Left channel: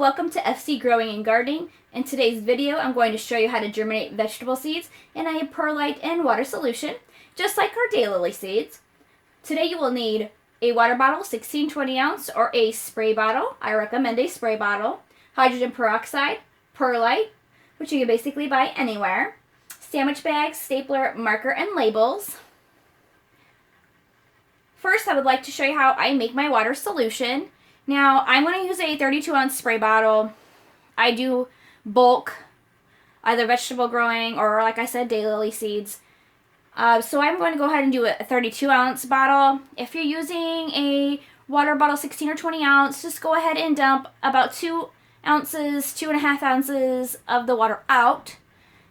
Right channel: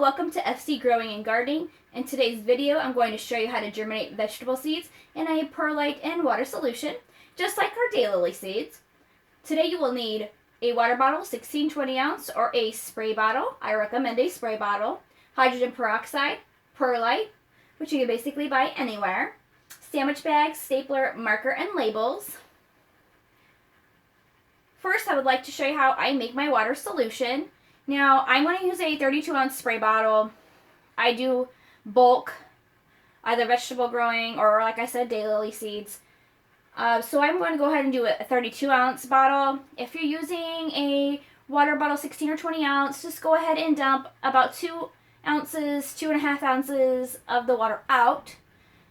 welcome to FC Growing and Gardening. In today's video, I'm going to show you how to germinate vegetable seeds in a perlite and water solution, just like our daylily seeds. Today you will need a water bottle, 16-20 ounce, or a spray bottle. I recommend a spray bottle. Hydrogen peroxide, perlite, which you can basically buy anywhere. Sandwich bags, stapler, marker, and labels. First, I would like to show you how I make my water solution. Now, I'm going to use a 32 ounce spray bottle. I do bulk, either vegetable growing or, like I said, daylily seeds. So I'm going to go ahead and do a 32 ounce bottle. If you're using a water bottle, 16 or 20 ounce, just go ahead and dump about 2 ounces, 2.5 ounces of the water out.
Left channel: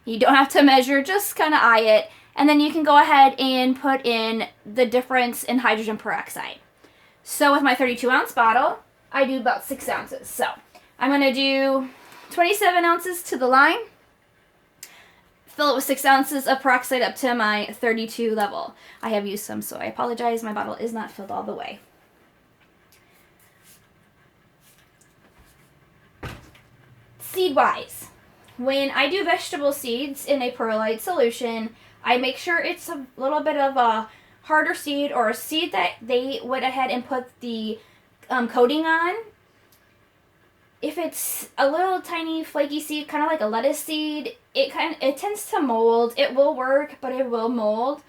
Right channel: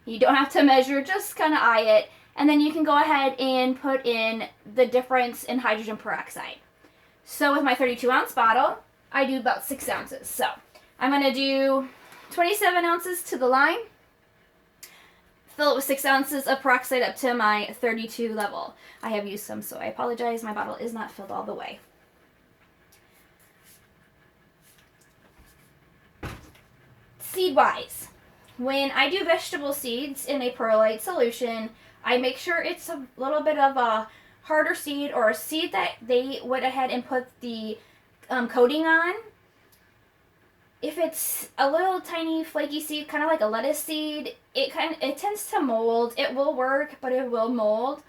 You don't have to measure, just kind of eye it. And then you can go ahead and put in the difference in hydrogen peroxide. So with my 32 ounce bottle, I do about 6 ounces. So I'm going to do 27 ounces to the line. Fill it with 6 ounces of peroxide up to my 32 level. I have used some, so I apologize. My bottle is not filled all the way. Seed-wise, when I do vegetable seeds in a perlite solution, I make sure it's a little bit of a harder seed or a seed that they went ahead and put the coating on. If it's a little tiny flaky seed, kind of like a lettuce seed, it tends to mold. It will work, but it will mold.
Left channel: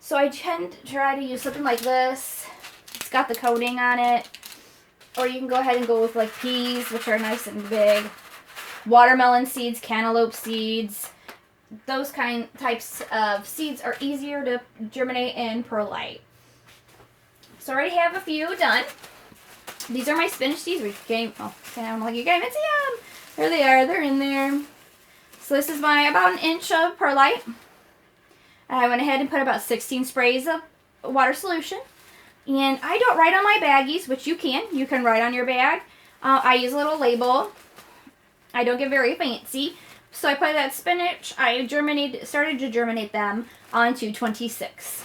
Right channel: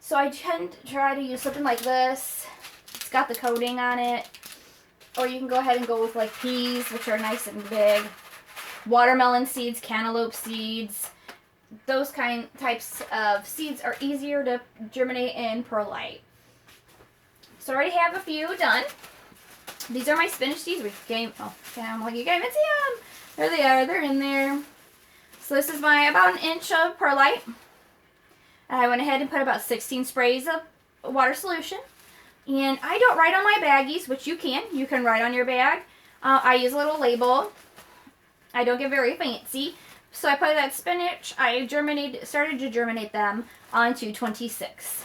So I tend to try to use something like this. It's got the coating on it. Or you can go ahead and go with like peas, which are nice and big. Watermelon seeds, cantaloupe seeds. Those types of seeds are easier to germinate in perlite. So I already have a few done. These are my spinach seeds. I'm like, you can't even see them. There they are. They're in there. So this is my about 1 inch of perlite. I went ahead and put about 16 sprays of water solution. And I don't write on my baggies, which you can. You can write on your bag. I use a little label. I don't get very fancy. So I put that spinach. I started to germinate them onto 26.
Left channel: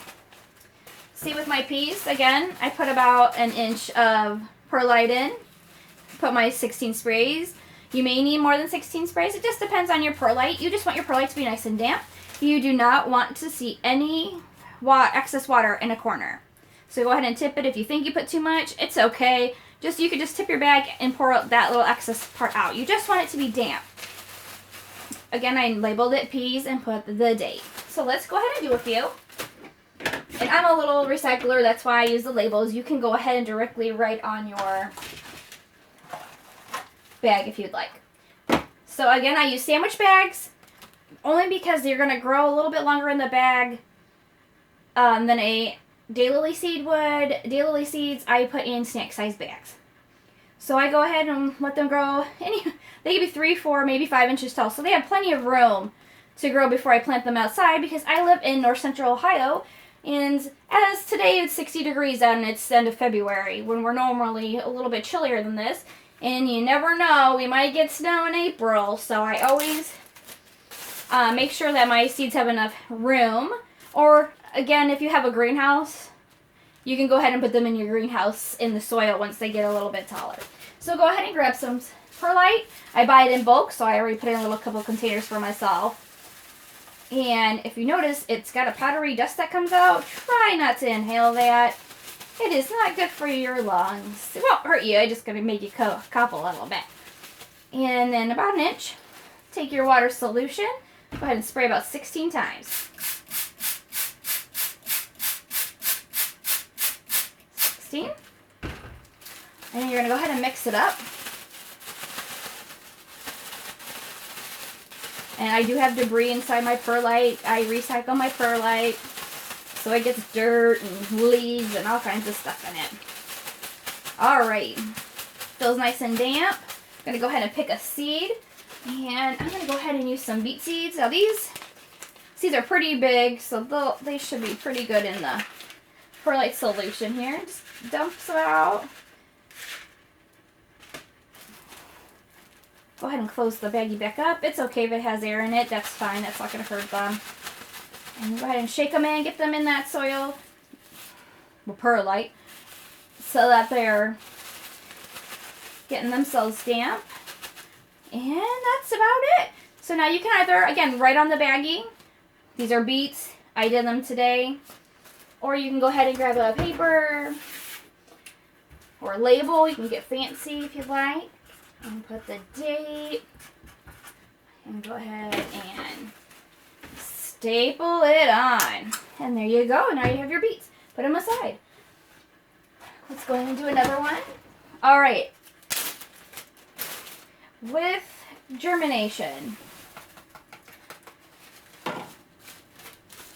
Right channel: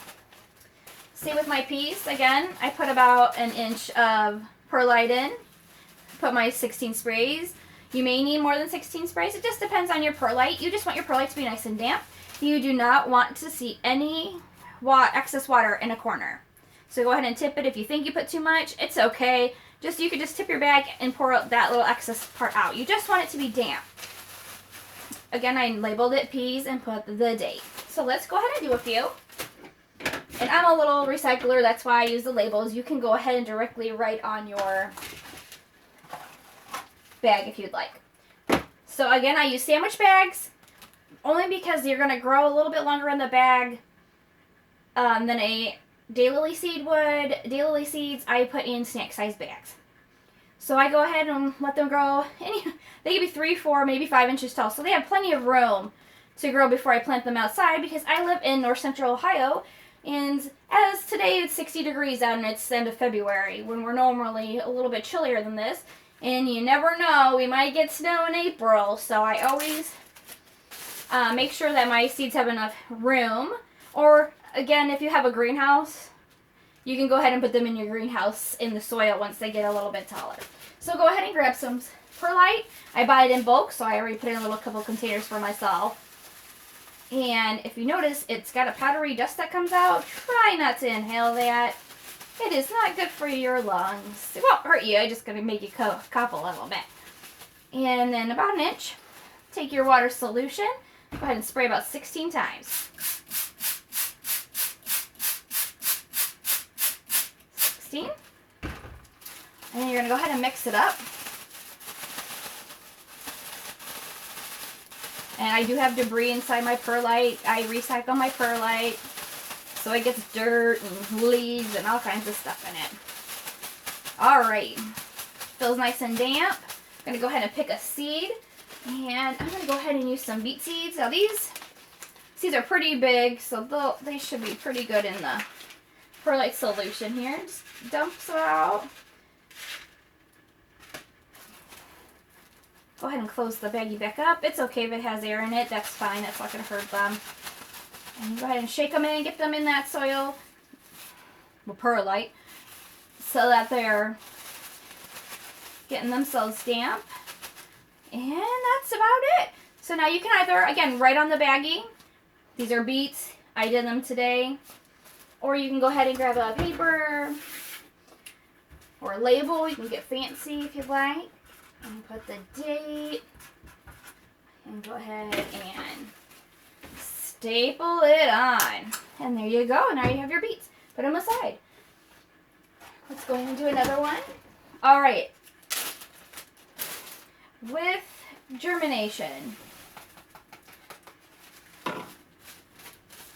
See with my peas, again, I put about 1 inch of perlite in. Put my 16 sprays. You may need more than 16 sprays. It just depends on your perlite. You just want your perlite to be nice and damp. You do not want to see any excess water in a corner. So go ahead and tip it. If you think you put too much, it's okay. You could just tip your bag and pour out that little excess part out. You just want it to be damp. Again, I labeled it peas and put the date. So let's go ahead and do a few. And I'm a little recycler, that's why I use the labels. You can go ahead and directly write on your bag if you'd like. So again, I use sandwich bags only because you're going to grow a little bit longer in the bag than a daylily seed would. Daylily seeds, I put in snack size bags. So I go ahead and let them grow. They can be 3, 4, maybe 5 inches tall. So they have plenty of room to grow before I plant them outside because I live in north central Ohio. And as today it's 60 degrees out and it's the end of February when we're normally a little bit chillier than this. And you never know, we might get snow in April. So I always make sure that my seeds have enough room. Or again, if you have a greenhouse, you can go ahead and put them in your greenhouse in the soil once they get a little bit taller. So go ahead and grab some perlite. I buy it in bulk, so I already put in a little couple containers for myself. And if you notice, it's got a powdery dust that comes out. Try not to inhale that. It is not good for your lungs. It won't hurt you. It's just going to make you cough a little bit. And then about 1 inch, take your water solution. Go ahead and spray about 16 times. 16. And then you're going to go ahead and mix it up. And I do have debris inside my perlite. I recycle my perlite. So it gets dirt and leaves and all kinds of stuff in it. Alright. Feels nice and damp. I'm going to go ahead and pick a seed. And I'm going to go ahead and use some beet seeds. Now these seeds are pretty big, so they should be pretty good in the perlite solution here. Just dump it out. Go ahead and close the baggie back up. It's okay if it has air in it. That's fine. That's not going to hurt them. And go ahead and shake them in. Get them in that soil. Well, perlite. So that they're getting themselves damp. And that's about it. So now you can either, again, write on the baggie, these are beets, I did them today. Or you can go ahead and grab a paper or a label. You can get fancy if you'd like. And put the date. And go ahead and staple it on. And there you go. Now you have your beets. Put them aside. Let's go ahead and do another one. All right. With germination,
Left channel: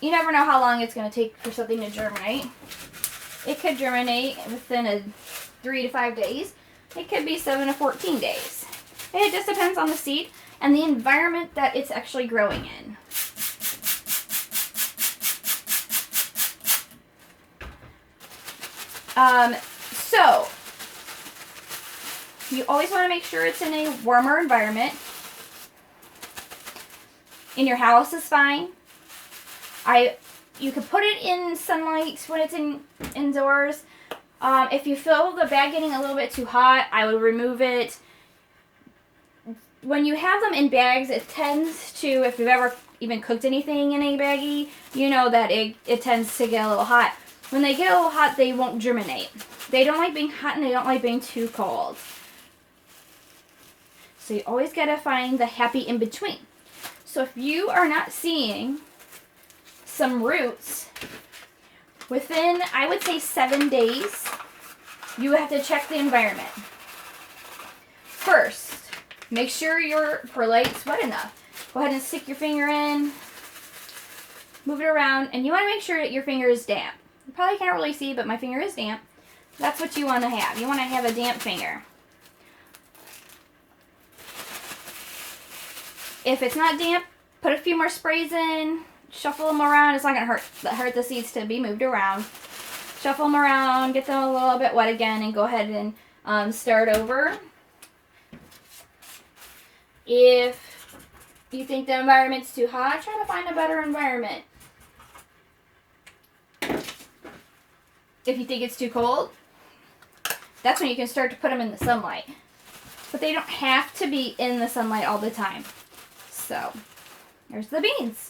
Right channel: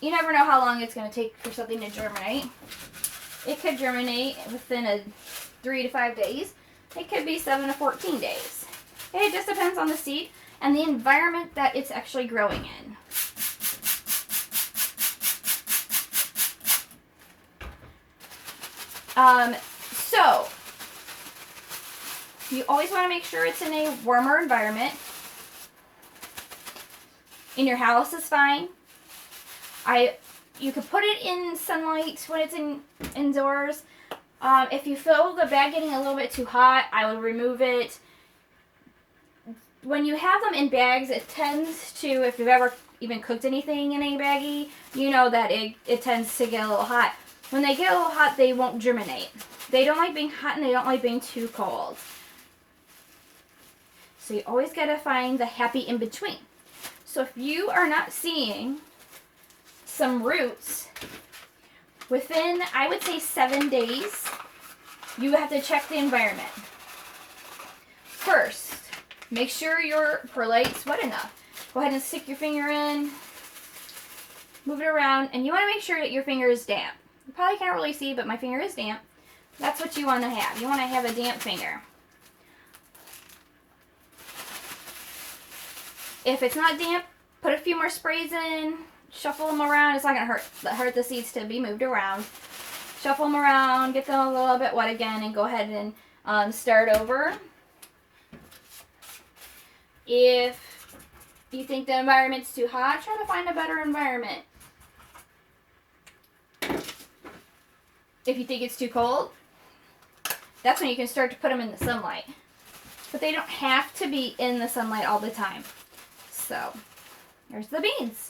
you never know how long it's going to take for something to germinate. It could germinate within 3 to 5 days. It could be 7 to 14 days. It just depends on the seed and the environment that it's actually growing in. So you always want to make sure it's in a warmer environment. In your house is fine. You could put it in sunlight when it's indoors. If you feel the bag getting a little bit too hot, I would remove it. When you have them in bags, it tends to, if you've ever even cooked anything in a baggie, you know that it tends to get a little hot. When they get a little hot, they won't germinate. They don't like being hot and they don't like being too cold. So you always got to find the happy in between. So if you are not seeing some roots within, I would say 7 days, you have to check the environment. First, make sure your perlite's wet enough. Go ahead and stick your finger in, move it around, and you want to make sure that your finger is damp. You probably can't really see, but my finger is damp. That's what you want to have. You want to have a damp finger. If it's not damp, put a few more sprays in, shuffle them around. It's not going to hurt the seeds to be moved around. Shuffle them around, get them a little bit wet again, and go ahead and start over. If you think the environment's too hot, try to find a better environment. If you think it's too cold, that's when you can start to put them in the sunlight. But they don't have to be in the sunlight all the time. So, there's the beans.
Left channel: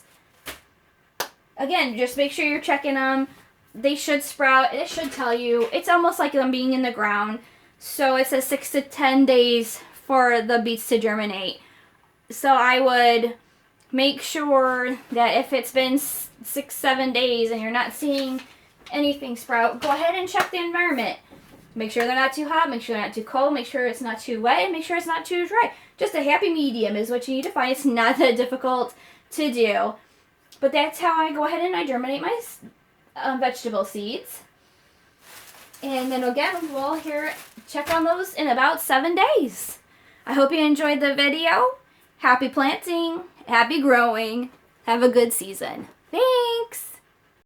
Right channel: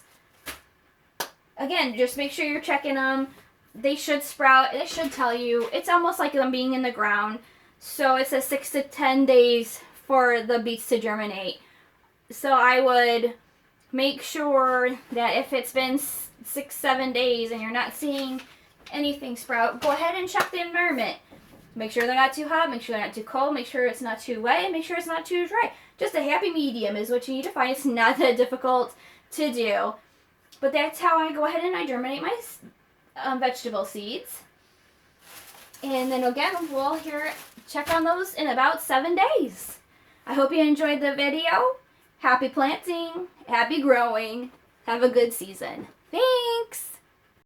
Again, just make sure you're checking them. They should sprout. It should tell you. It's almost like them being in the ground. So it says 6 to 10 days for the beets to germinate. So I would make sure that if it's been 6-7 days and you're not seeing anything sprout, go ahead and check the environment. Make sure they're not too hot, make sure they're not too cold, make sure it's not too wet, and make sure it's not too dry. Just a happy medium is what you need to find. It's not that difficult to do. But that's how I go ahead and I germinate my vegetable seeds. And then again, we'll check on those in about 7 days. I hope you enjoyed the video. Happy planting, happy growing. Have a good season. Thanks.